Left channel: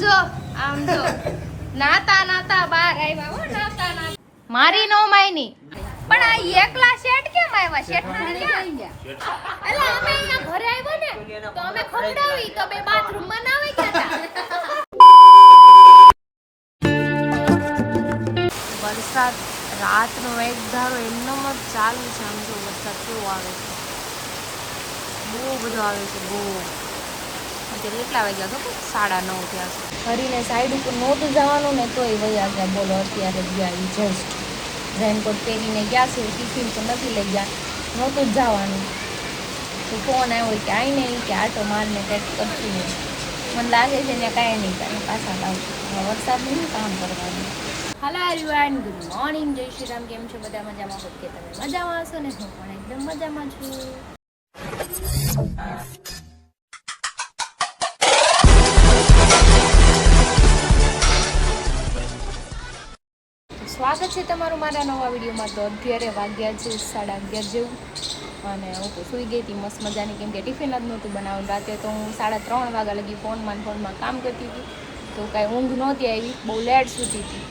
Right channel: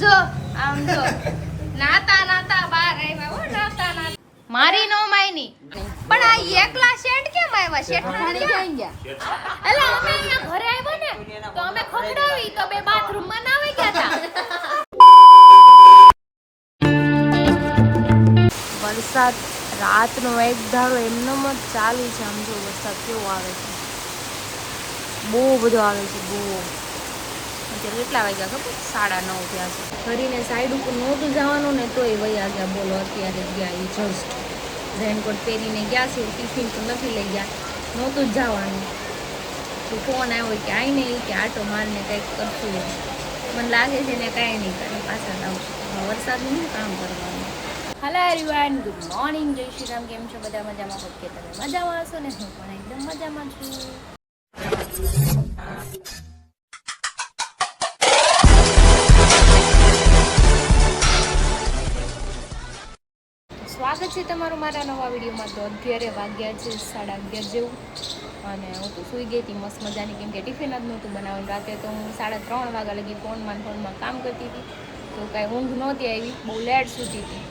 જો આમ જો નાતા નાતા બહાર આવ્યા હો નાતા નાતા મારી નો માયની પણ આ એકલા શેઠ કેમ આવ્યા શેઠ ક્યાં ગયા એલા અમે અહીંયા ઘરે આવ્યા ને તો અમે ખવડાવી તો બે બાથરૂમ માં નાવી ગયા હતા વરસાદ રાતનો એક ધારો એમનો જ ચાલુ છે આમ જો વરસાદ કેવો આવે છે બહુ બધો આવે છે બહુ અત્યારે કેટલા વાગ્યા ખબર 9:30 થયા છે ફરીને સાઈડ ઉપર નહોતું જવાનું ને તોય વયા ગયા બોલો અત્યારે ગયા એ જસ્ટ રેનકોટ પહેરીને ગયા છે ટિફિન તો નથી લઈ ગયા નહોતું જ જવાનું તો ફોન આવ્યો કે આવીને કે આટો મારને કંઈક કરશું મને લાગે છે ને કાંઈ નહીં કરે પાછા લાવું વરસાદનું કામ કરવાનું હેલો એવરીવન ગુડ મોર્નિંગ જય શ્રી રામ કેમ છો બધા મજામાં હોત કે તમે મજામાં હશો ને હું પણ એકદમ મજામાં છું સ્વાગત છે તમારું મારા નવા વિડીયોમાં તો અત્યારે વાગ્યા છે 11:30 જેવું અને હું તો સૂઈ ગઈ હતી મસ્ત મજાની કેમ કે ટિફિન જ નહોતું બનાવ્યું રાતે તો હું 3:30 વાગ્યા લગી ફોનમાં કામ કરતી હતી તો કાંઈ ઊંઘ નહોતી આવી બહુ લેટ સૂતી હતી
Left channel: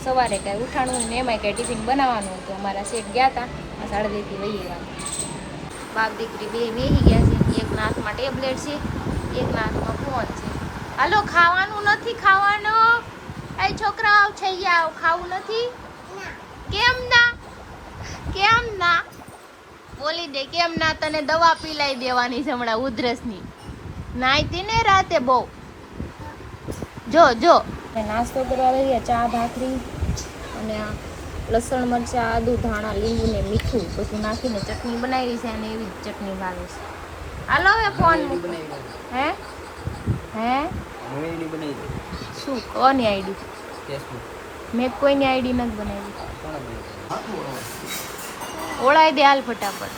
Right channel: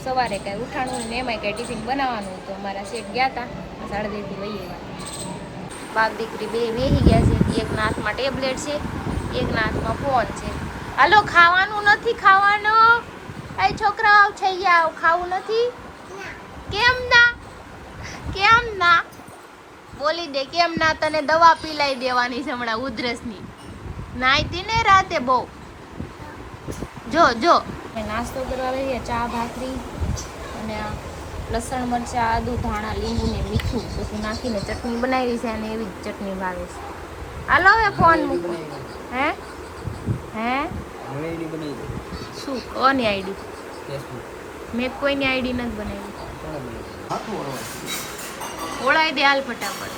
સવારે કાંઈ ઉઠાણું ને એમાંય કાંઈ ટિફિન બનાવવાનું હતું અમારા શેઠ ગયા હતા 2:30 થી વહી આવ્યા બાપ દીકરી બે વેહી ગયા છે એકના હાથમાં ટેબ્લેટ છે એકના હાથમાં ફોન છે હાલો ખાવાનું નથી ખાવાનું એ છોકરાઓ થઈ ગયા ખાવું નથી કેમ ના બોલી દે કેમ ના તને દવા પીલાઈ દેવાની છે હમણાં ઉધરસની નાઈતી ને રાતે બહુ જો નાસ્તો કરવા આવી ચા ભાખરી અને આ લસણ મરચાં આદુ ધાણા લીંબુ ને મીઠું પછી નાખીને ચટણી બનાવી છે અને એવી જ ચટણી ભાવે છે હાલો હવે ફોન મૂકો હે શું કોની આઈડી મેં કોઈની આઈડી નથી બનાવી ઓળાઈ દે હાલ ફટાફટ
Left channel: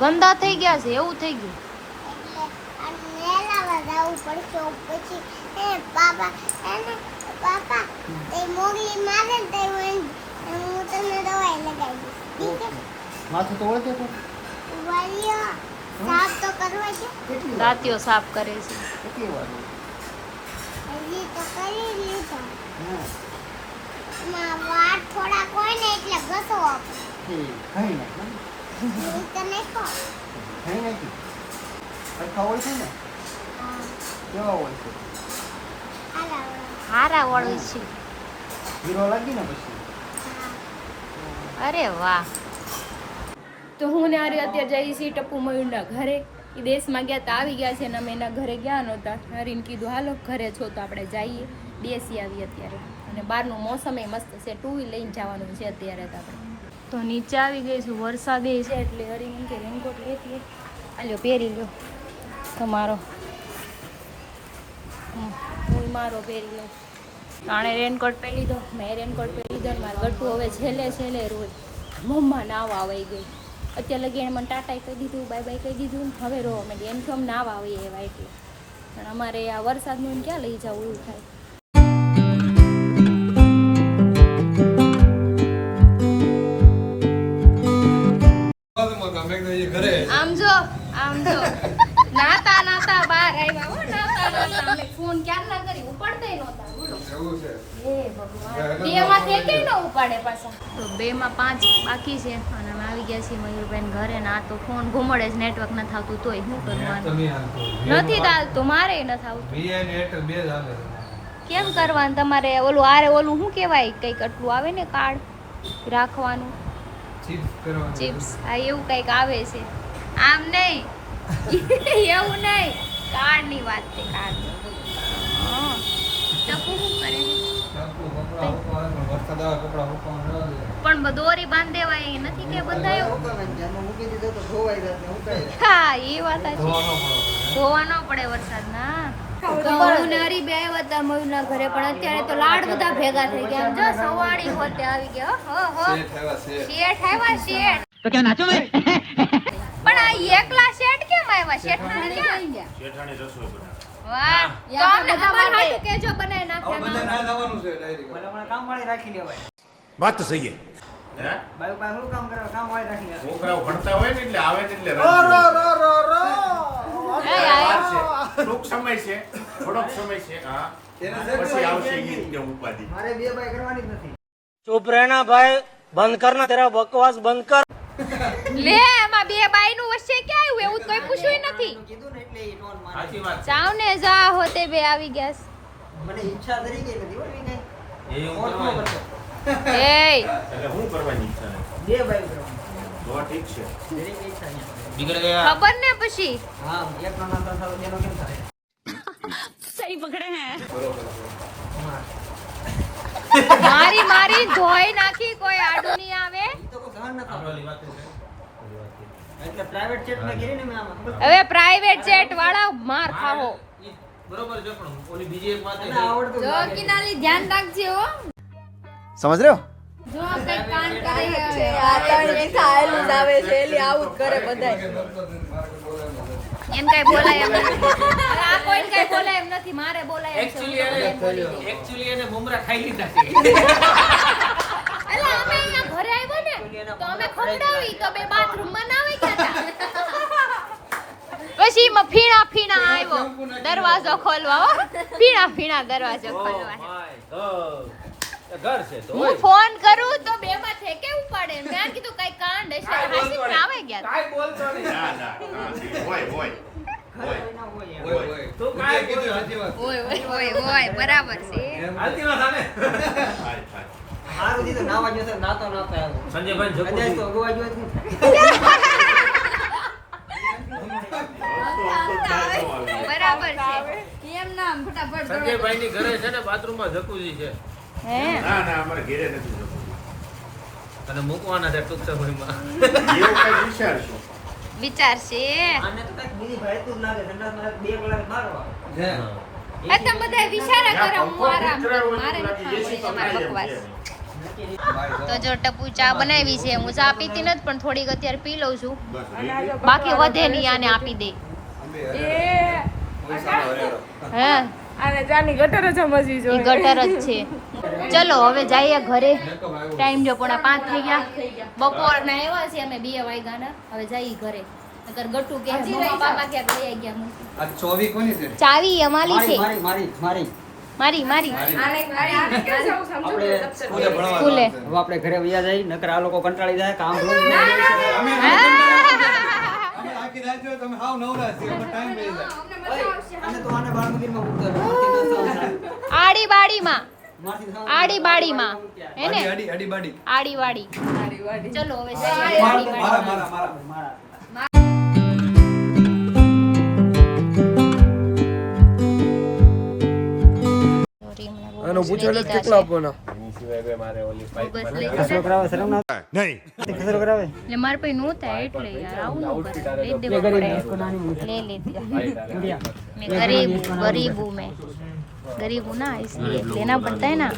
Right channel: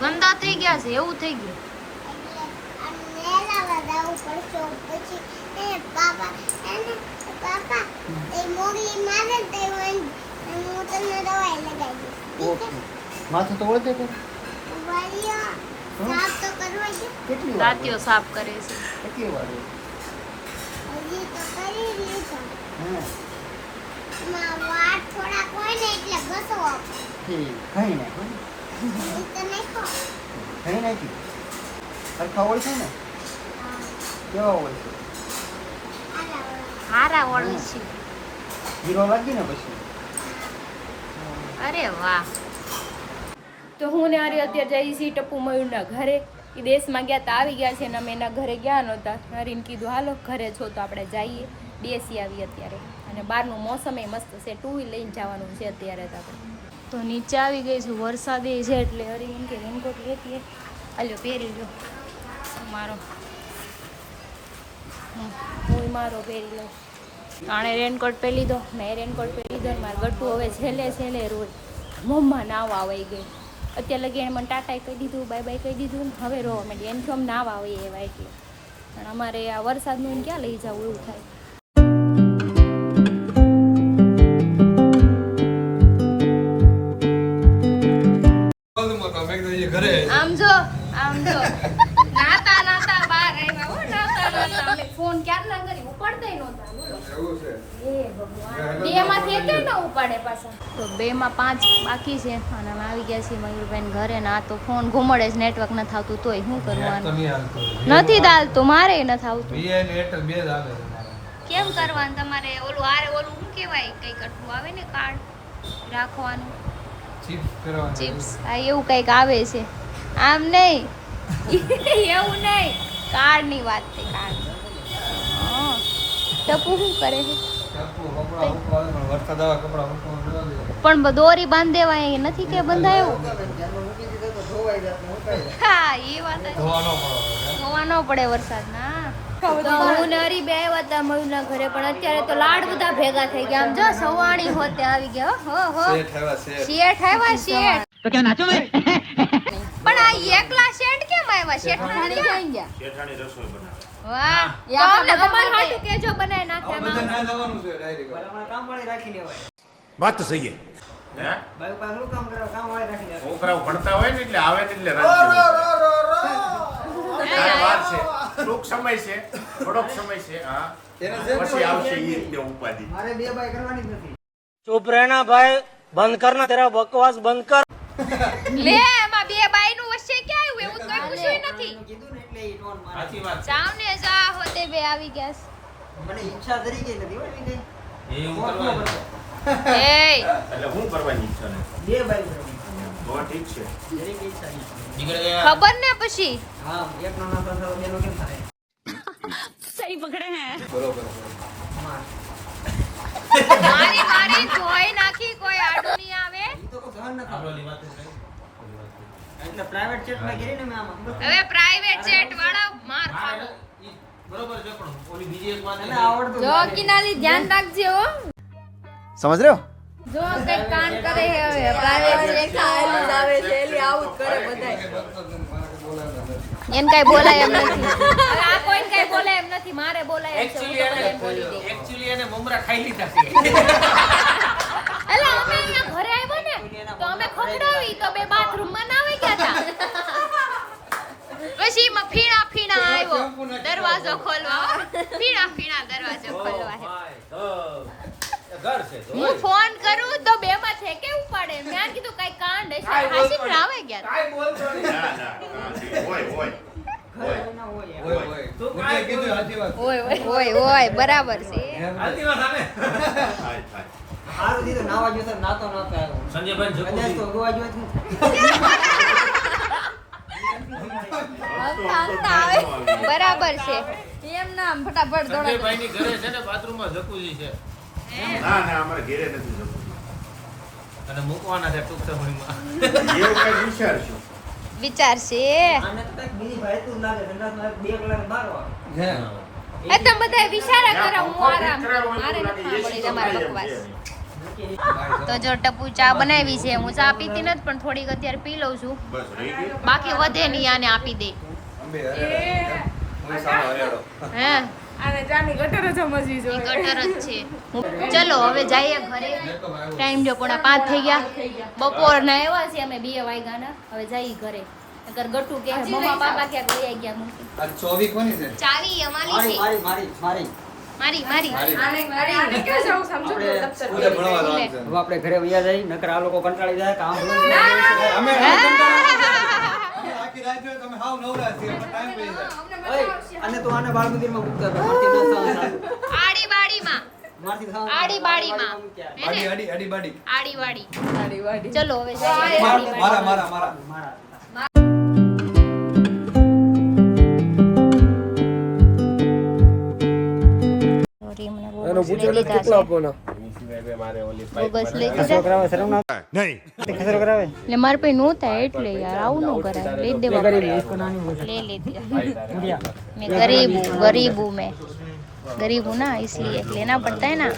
ગંદા થઈ ગયા છે એવું થઈ ગયું રાતીઓ સાફ કરે છે કેટલી વાર હજી તો કરી લીધો માં વાટ થોડા કોઈ ને એટલે ઘસો આપો કઈ નાખો તો નાખો કઈ નાખી સરખા હોય છે ને કેવા હોય છે હારા હોય છે હીરો લાગી ને પછી અરે વાહ તો હું ને આરે અત્યારે જઈ છીએ ટપ્પુ મયુરના ઘરે એ દેશમાં ગયા તા આવી ગયા છે ને અમે એના ઘરે ગયા નહોતા હરીને કીધું હાલો ઘરે છો તો આપણે જઈએ બેસી આવી અત્યારે અને બહારનું મોસમ એ મસ્ત છે 2 વ્હીલ લઈને જવાનું છે અત્યારે તો આપણે તો નીચે આવી ગઈ છું વરસાદે છે એટલે હરી એમ કે રેનકોટ લેતી આલ્યો પહેરી લો તમારો હું મારો પહેરી લઉં આણે રેનકોટ પહેરી લીધો મેં રેનકોટ પહેરી લીધો ને મારે ગટ્ટુ હવે છેલ્લે રોજ મમ્મા નાવા આવી ગઈ અત્યારે લગી એને મને ટાટા કહી દીધું બાય બાય કહી દીધું ને હવે રોવા માંડી એમ આમ નાવા આવે એવા એટલે પણ અમારે આ વરસાદનું ક્યાં લઈ જવું એવું થાય આમ જો નાતા નાતા બહાર આવ્યા હો નાતા અમે ફોન ક્યાં ના કરી ઉપાડતા નહોતા બોલો હે ભગવાન બે માંથી કેમ ના ઉપાડે પાછા તો 2 માં 5 બાકી છે અને અમે આવી ગયા છીએ મયુરભાઈ ઘરે ના તો ફોન ઘુમડે છે નેટવર્ક ન થાતું તોય શું કરવાનું નથી ચાલતું મારે ન થાતું વીઆઈ ને એરટેલ બે જ આવે કેમ કરવાનું તમારે ઓલું શું કહેવાય કંઈક આટલું આવે ને કાર્ડ રાખવાનું ચિપ્સ આ એવું કંઈક આવે છે આમ નહીં એવું નહીં કાર્ડ ની વાત છે કાર્ડ ટપુ શું કરે છે પણ દોરી બાંધ દેવાય એ નથી કે બંધાયો હા એ વાત ધોવા ન પડે વરસાદ ના તો હું ને હરી બે આવ્યા હતા મયુરના ઘરે પણ અત્યારે તો લાડ બધા ભેગા થઈ ગયા જો સવાણી હોતે આવી ગયા હો શેઠ તો ક્યાં નાચો મેં પણ આ એકલા શેઠ કેમ આવ્યા શેઠાણી ક્યાં ગયા શેઠાણી રસોઈ બનાવે વાહ તો તમાર હાટુ કેજો બનાવી નાખ્યા માં જવાનું છે ડાયરેક્ટ કામ વાળી રાખી લેવાય વાત તો સહી હે બાયુ પાસે શું કામ કરો કામ વાળી રાખી લે છોકરાઓ ભણતા હોય ને એટલે આવે ને એટલે ટૂંક સમય છે, થોડોક સમય છે. હા, પછી આવશે ઈદ ને ઉપાધિ. મારે 2 બાય કરવાની જ નથી. चुप रहना भाई, बंद करना तेरा बकवास बंद कर. લે એમાં 2 બાય નું વચ્ચે ક્યાં આવ્યું? એવું તો કોઈ પૂછ્યું નથી. કીધું ને એટલે ઈ નોન માને. સાચી વાત. જાવ ને જા હોતે બે આવી ગયા મને ઈચ્છા કરી ગઈ નથી હો વિનય. એ હું ફોન નો કરવાની. કરતો. છે. એય એટલે હું કરવાની ઈચ્છા નથી. 2 બાય કરવાની. તો ઠીક છે. જરીક ઈચ્છા નહીં. બીગડી ગયા. ખબર ને પછી હા, એક નો નામ થાય બેનો કેમ થાય? સહી પકડે હે. માર. મારી ધોઈ નાખી, કોઈ આડું નહીં આવે. ઈ તો કોઈ સહન ન થાય. એટલે પ્રાઇવેટ ચેટ મેં કરી ને મેં આમાં. હવે પ્રાઇવેટ જેટ વાળા માર ખાઓ. બરોબર છે પણ ઓલી બીજી એક વાત તને આવડતું જો લાગે. કિનાલી ધ્યાન રાખજે હો. समझ रहे हो? જો કઈ કાન કરે હે હવે પ્રાઇવેટ જેટ આયેલું જ આવે છે, એલી આવું જ કરે બધાય. એન કઈ બોલાય એમ નથી. હવે આ કોઈને કઈ બોલાય એમ નથી, મારે બોલાય એમ છે. હું તો બધાને બોલી દઈ. એક્ચ્યુઅલી એને મમરા ખાઈ લીધા છે. એલા અમે અહીંયા ઘરે આવ્યો ને તો અમે ખવડાવી તો બે બાથરૂમ માં નાવી ગયા હતા. પછી માં ફીણા આવ્યો દરવાજો ખોલવા હો. ફીણા દરવાજો ખોલવા હે. ઘર છે તો હું ફોન કરું તો બે માં છે કે ઉપાડે. મેં કીધું કઈ કાંડ હશે, હાસી પણ આવે ગયા. ના હોય ઘરે ના હોય યાર. તો કાઈ કીધું ઓય બરાબર છે. હાલતી વાત આવે. હારું દીધું નાવા ગયો તો નાતો આવ્યો. સંજયભાઈ કદાચ તો જકુજી ગોવા ગયો જ બરાબર છે. એમ નામ ફટાફટ સંજયભાઈ ની ઘરે છે ને બાથરૂમમાં જકુજી છે ના ના અમારે ઘરે નથી જવું. અને મૂકવાના છે ટૂંક સમયમાં. એવું કઈ વિચારશું. વિચાર છે. આને તો કઈક બીજી ભાઈતું જ લાગે. સંડાસમાં 2 કલાક મારવા. આ તો બધા વિચારા કરે, હું આરામ કરું. મારે નથી સાંભળી તમારી બકવાસ. તો જો ટપુ ચા બનાવી છે, હું ચા પીતી નથી પણ થોડીક અત્યારે પી લઉં છું. બસ રહી ગયું. બાકી વધે નહીં, આને આપી દે. હે ગટર જ છે. ચલો હવે જઈએ ઘરે. ટાઈમ જો 4:30 થઈ ગયા. બપોરના આવ્યા છે અમે 2 વાગ્યાના. હવે જઈએ ઘરે. નકર ગટુ કે મમ્મા પાપા ક્યાં લઈ આવી ગયા મૂકી. ચોવી કોની છે? ચાવી અમારી છે. મારી મારી આપણે સ્કૂલે ભણવા સ્કૂલે. જવાનું છે. હવે આપણે ઘરે વયા જઈ. નકર આ લોકો કંટાળી જાય કામ રોજ અમે હા. આખી રાત જો તમે હાવ નવરા છે એમાં ટાઈમ લઈ જાય. અને તો આને બાળ મંદિરમાં મૂકતા આડી બાડીમાં મારથી આડી બાડીમાં બાડી આડી આડી બાડી આડી વાડી. ચલો હવે જઈએ આડી મારા વાડી. મારા મારા મારા સોરી, મને બહુ બસ લઈ લીધા છે. મારે ઓલી બસ લઈ ખસરો લીધા. કરાવે શરમ ના ખસરો કરાવે એટલે મારે પછી નું થાય એટલે યાર આવું ન કરાય. લઈ જ દેવા પડે. ले लेती मैं गरीब हूँ मैं गरीब हूँ ना, इसलिए लेना पड़ता है ना.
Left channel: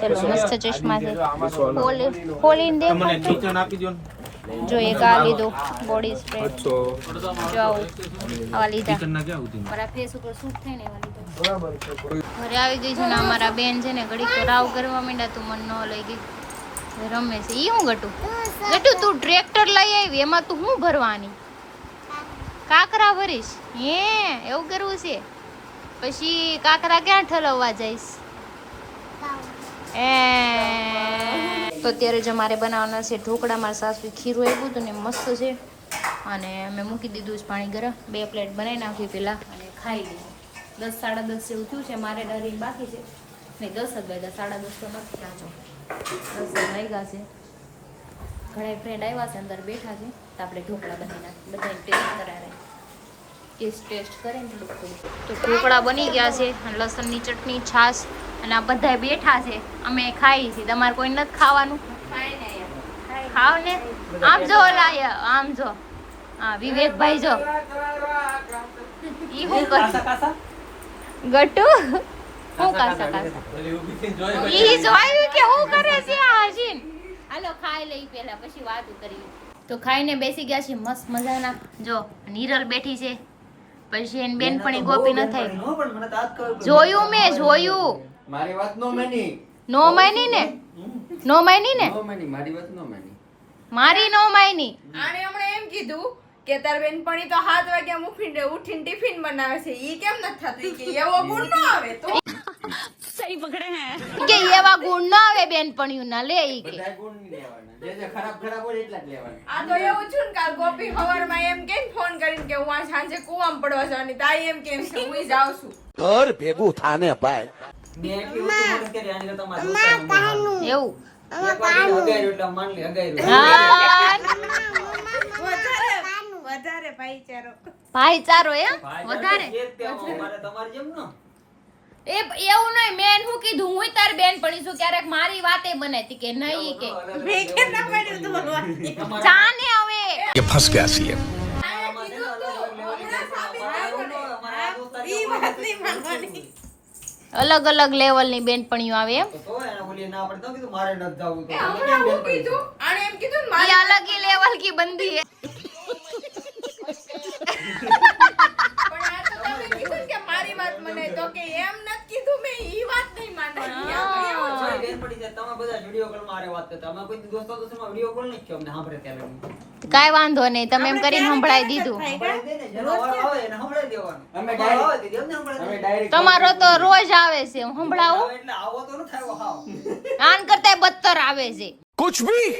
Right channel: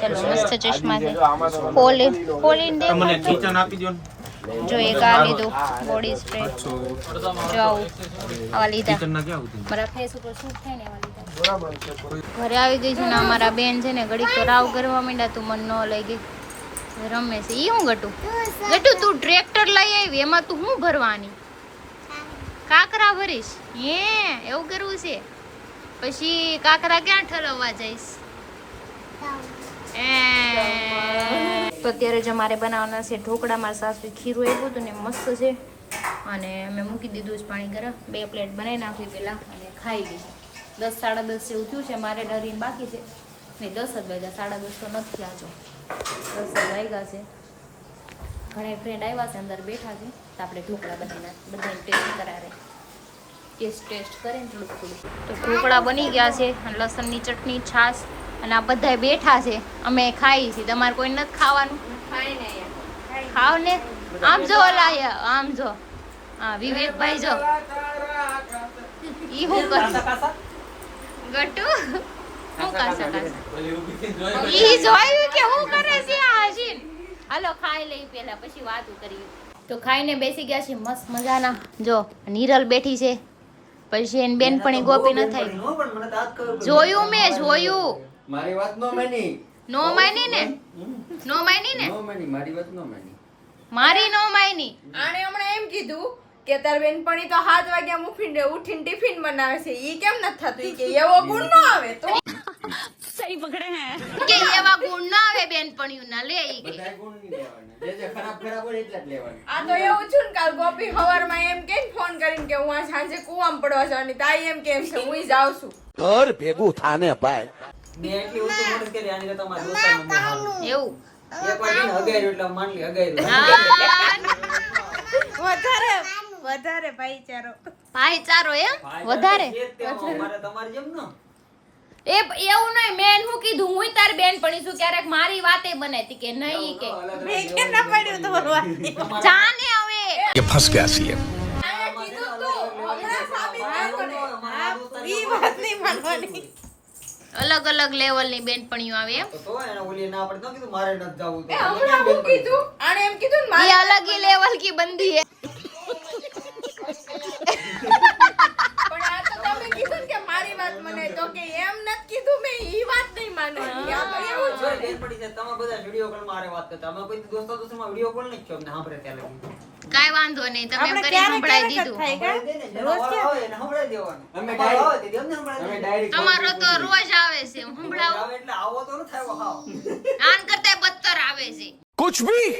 चलो मस्त चश्मा से खोलीને देखो तो જો એક આ લીધો બોડી સ્પ્રે. જો આવું આવા લીધા. મારા ફેસ ઉપર સૂટ થાય ને એવા લીધા. ઘરે આવી ગઈ છું ને અમારા બેન છે ને ઘડીક તો રાવ કરવા માંડ્યા. તું મન ન લઈ ગઈ, રમે છે. ઈ હું ગટુ તું ટ્રેક્ટર લઈ આવી, એમાં તું શું ભરવાની? કાકરા ભરીશ? હે એવું કરવું છે? પછી કાકરા ક્યાં ઠલવવા જઈશ? તો અત્યારે જ અમારે બનાવવાના છે ઢોકળા. મારા સાસુ ખીરું આપ્યું હતું ને મસ્ત છે, અને મેં મૂકી દીધું છે પાણી ગરમ. 2 પ્લેટ બનાવી નાખી પેલા અને ખાઈ લીધી. 10 સાડા 10 જેવું થયું છે. મારે ડરીને બાકી છે નહીં. 10 જ વાગ્યા, 10:30 તો નથી. આજો 10 જ વાગ્યા છે. ઘણા ફ્રેન્ડ આવ્યા છે, અંદર બેઠા છે. તો આપણે ઢોકળા બનાવી નાખીએ, બધાને ટેસ્ટ કરાવે. ટેસ્ટ કરે ને થોડુંક. તો ઢોકળા બની ગયા છે, અને લસણની ચટણી, છાશ, અને આ બધા બેઠા છે. અમે ખાઈ છીએ. તમારે કોઈ નથી ખાવાનું? ખાવ ને. આમ જો લાયા, આમ જો. હા વિવેકભાઈ જો ઈ શું કરે ગટુ. શું કાસા ઈ જોયું કે શું કરે છે આ હસીન. હાલો ખાઈ લઈ પેલા, પછી વાતો કરી. તો ખાઈને બેસી ગયા છે મસ્ત મજાના. જો નીરલ બેઠી છે, પછી એની બેનપણી ગોપી ન થઈ. જોયું મેં જોયું. મારી વાત નો માની. નો માની ને? નો માની ને? નો માની મારી વાત નો માની. મારી નો માની. આને હમણાં એમ કીધું કે તાર બેનપણી તો 7 વાગ્યા ઉઠીને ટિફિન બનાવે છે ઈ કેમ નથી થતું ઈ કે એવો ગુણ ન આવે તો કે એવા ગુણ ના આવે બેનપણીઓ ના લે ઈ કે. બધા ગુણ નહીં લેવાના. જે ખરાબ હોય એટલા જ લેવાના. આ તો એવું છું ને કાલ ગોપી સવારમાં એમ કે ફોન કરીને કે હું આ સાંજે કુવામાં પડવા જવાની તાઈ એમ કેમ છે હું જાઉં છું ઘર ભેગું થાને ભાઈ. મેં એટલી ઓછી મોડું કરી આની કરતા મારા દોસ્તારનું બહુ સારું. એવું એકવાર એને હગાર્યું એટલે આમ માની લે હગાર્યું. હા વધારે ભાઈચારો ભાઈચારો એમ વધારે છે જ તેમાં. મારે તમારી જેમ ન. એવું નહીં મેં શું કીધું હું તારી બેનપણી છું ક્યારેક મારી વાતે બનેતી કે નહીં કે જાને હવે ફસ ગયા છીએ. આમાં છે ને અલગ અલગ લેવાની છે. મારા એવું ન હોય. મારા આ દોસ્તાર એવું નથી. અલગ અલગ લેવલ ની બેનપણીઓ આવે એમ તો એને ઓલી ના પડે તો કીધું મારે નથી જાવું તો. તમે હમણાં કેમ હું બેનપણી છો? કીધું આને એમ કીધું ને ये अलग ही लेवल की बंदी है પણ આ તો તમે કીધું ને કે મારી વાત મને તો કે એમ નથી કીધું મેં ઈ વાત નહીં માનવાની મારી બેનપણી છે. તમે બધા વિડીયો કોલ માં વાત કરતા. અમે કોઈ દોસ્તો દોસ્તોમાં વિડીયો કોલ નહીં થયો. અમને સાંભળે ત્યાં લગી. કાઈ વાંધો નહીં તમે એમ કરીને સંભળાઈ દીધું સંભળાઈ દે ને. જેનો વારો આવે એને સંભળાઈ દેવાનું. અમે ડાયરેક્ટ આવે તે અમને સંભળાઈ દે. તમારો તો રોજ આવે છે સંભળાવો આવે એટલે આવો તો ન થાય હાવ. આન કરતા બદતર આવે છે કુછ ભી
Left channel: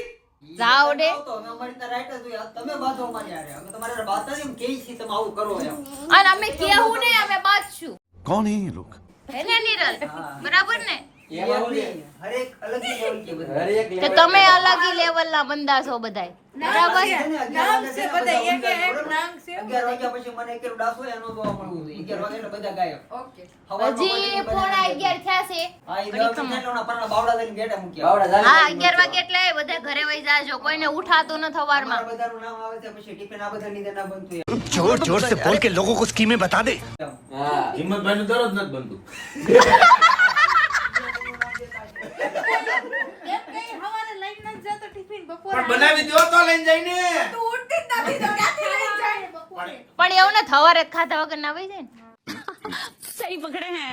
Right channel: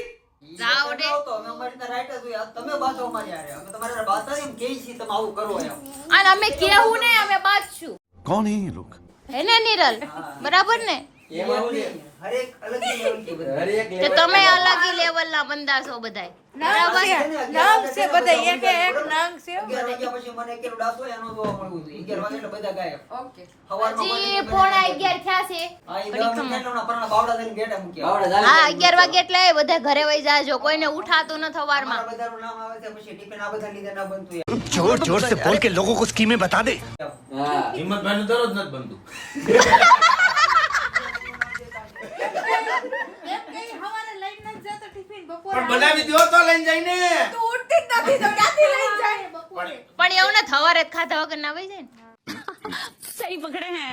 જાઓ દે તો અમે અમારી રીતે રાઈટ જ હોય. તમે બાથો અમારી હારે. અમે તમારી હારે બાથા એમ કહી છીએ તમે આવું કરો એમ. અને અમે કેવું ને અમે બાદશું કોણ હે ये लोग? હેને નિરલ બરાબર ને એમાં ઓલી હરેક અલગ લેવલ की બધા. હરેક કે તમે અલગ ही લેવલ ના બંદા છો બધાય બરાબર નામ છે બધા એક એક નામ છે 11 વાગ્યા પછી મને એકેલો ડાસો એનો જોવા મળવું હતું. 11 વાગે એટલે બધા ગાયબ. સવારમાં હજી પોણા 11 થયા છે આ ઈ 10 મિનિટના પરના બાવડા થઈને બેઠા મૂક્યા. હા 11 વાગે એટલે બધા ઘરે વઈ જાજો કોઈને ઉઠાતો ન થવારમાં અમારા બધાનું નામ આવે છે પછી ટિફિન આ બધા લીધે ના બનતું એમ. जोर जोर से बोल के लोगों को स्कीमें बता दे. હિંમતભાઈ નું દરરોજ નથી બનતું. પણ બનાવી દો તો લઈને જઈને. તું ઉઠતી જ નથી તો ક્યાંથી લઈ જાય પણ એવું ને થવારે જ ખાધા વગર ના વઈ જાય ને સહી પકડે હે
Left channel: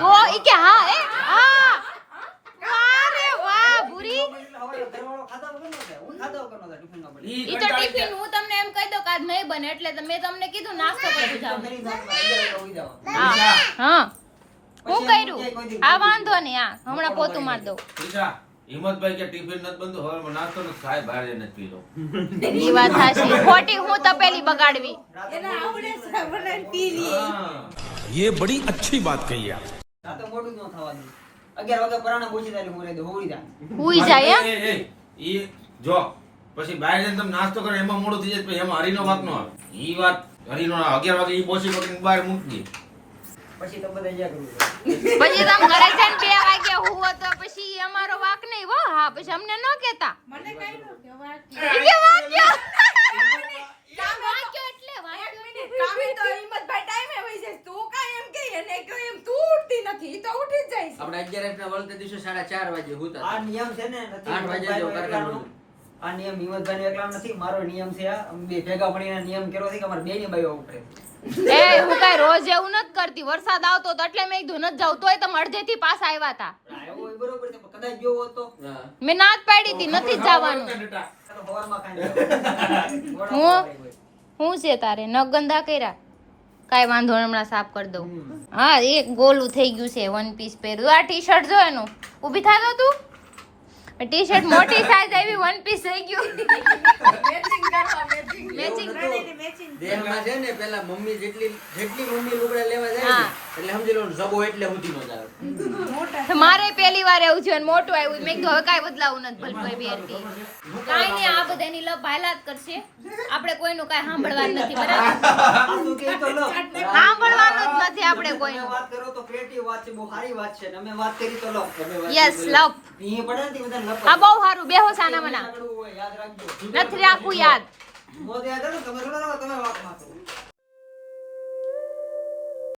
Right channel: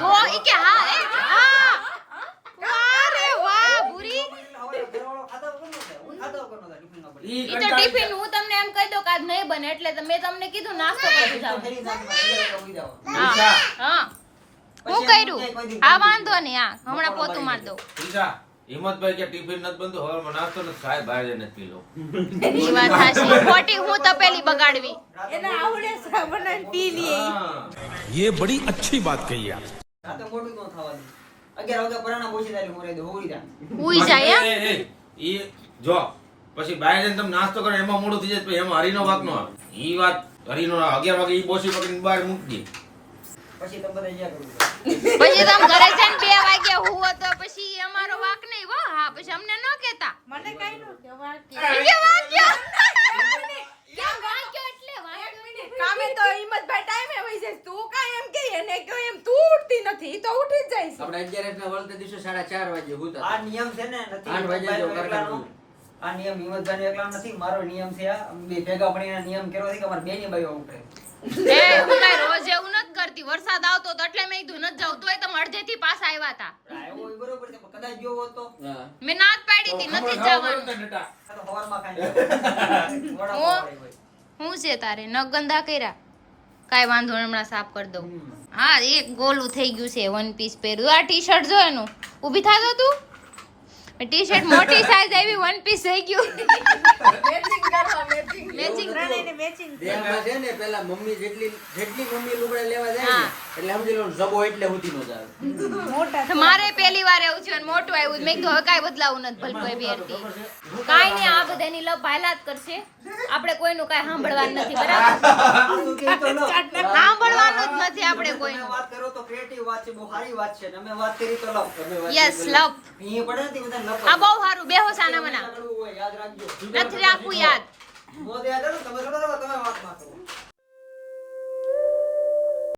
તો ઈ કે હા એ હા વાહ રે વાહ ભૂરી એટલે હવે ઘરવાળો ખાતા વગર નો થાય. હું ખાતા વગર નો થાય ટિફિન નો બને. ઈ ઈ તો ટિફિન હું તમને એમ કહી દઉં કે આજ નહીં બને એટલે તો મેં તમને કીધું નાસ્તો કરી જાવ કરી નાખમાં 11 વાગે ઉઈ જવાનું. હા હા હું કર્યું આ વાંધો નહીં આ હમણાં પોતું માર દઉં ઈશા, હિંમતભાઈ કે ટિફિન નથી બનતું હવે મને નાસ્તો નથી ખાય બહાર જઈને પી લો. ઈ વાત હાચી ખોટી હું તપેલી બગાડવી એને આવડે છે બનાવીને પી લઈએ ये बड़ी अच्छी बात कही आप. રાતે મોડું ન થવાનું. 11 વાગે પરાણા પહોંચી જાય એટલે હું રહી દઉં. હોઈ જાય. હુઈ જાય એમ એ, ઈ જો પછી બહાર જઈને તમે નાસ્તો કરો એમાં મોડું થઈ જાય પછી એમાં હરીનો વાક નો આવે. ઈ વાત હરીનો 11 વાગે ઈ બોસી પકડીને બહાર મૂકી દે. પછી તમે બધા જ્યાં કરવું પછી તમે ઘરે જઈને 2 વાગ્યા હુવો તો પછી ઈ અમારો વાક નહીં હો હા પછી અમને ન કહેતા મને કઈ નો કહેવા ઈ કે વાગ્યો કેમ વાગ્યો એટલે વાગ્યો નહીં. કામે તો હિંમતભાઈ ટાઈમે વઈ જાય તું કાઈ એમ કે એને કહ્યું એમ તું ઉઠતી નથી ઈ તો ઉઠી જ જાય છે આપણે 11 ના વળતે દિવસે 4:30 વાગે હુતા આ નિયમ છે ને નથી 8 વાગે જો કારખાનું. આ નિયમ હિંમતભાઈ એકલા નથી મારો નિયમ છે આ અમે બે ભેગા મળીને નિયમ કર્યો છે કે અમારે બેની બાઈઓ ઉઠે એ હું કઈ રોજ એવું નથી કરતી વરસાદ આવતો તો એટલે મેં કીધું નથી જાવ તોય તમે અડધેથી પાછા આવ્યા હતા એવું બરોબર છે પણ કદાચ જોવો હોત તો મેં ના જ પાડી હતી નથી જ જવાનું આ તો હવારમાં ખાઈને વડાપાવ વાળી હોય. હું છે તારે નખ ગંદા કર્યા કાઈ વાંધો નહીં, હમણાં સાફ કરી દઉં હા એક ગોલું થઈ ગયું છે વન પીસ પહેર્યું આ ટી શર્ટ જો એનું ઊભી થાતો તું ટી શર્ટ મોટી સાઈઝ આવી વન પીસ થઈ ગયું મેચિંગ દેહમાં છે ને પેલા મમ્મી જેટલી મમ્મી લુગડા લેવા જાય ને હા. એટલે સમજી લો જબો એટલે સુધી નો જ આવે. મારે પહેલી વાર એવું થયું અને મોટું આવ્યું મેં કીધું હવે કાંઈ બદલાવું નથી ભલે કોઈ બેરતી કાંઈ નહીં આ બધાની લપ હાલા જ કરશે આપણે કોઈનું કાંઈ સાંભળવાનું નથી બરાબર આ શું કે ઈ તો લો. સાંભળવાનું જ નથી આપણે તમે કોઈનું વાત કરો તો ક્રિએટિવ વાત છે બહુ સારી વાત છે ને અમે વાત કરી તો લો યસ લપ અહીં પડે ને તે બધા લપ આ બહુ સારું બેહો સાના મના આગળ હોય, યાદ રાખજો નથી રાખવું યાદ મોદે આગળ તમે થોડા તમે વાત માં કરો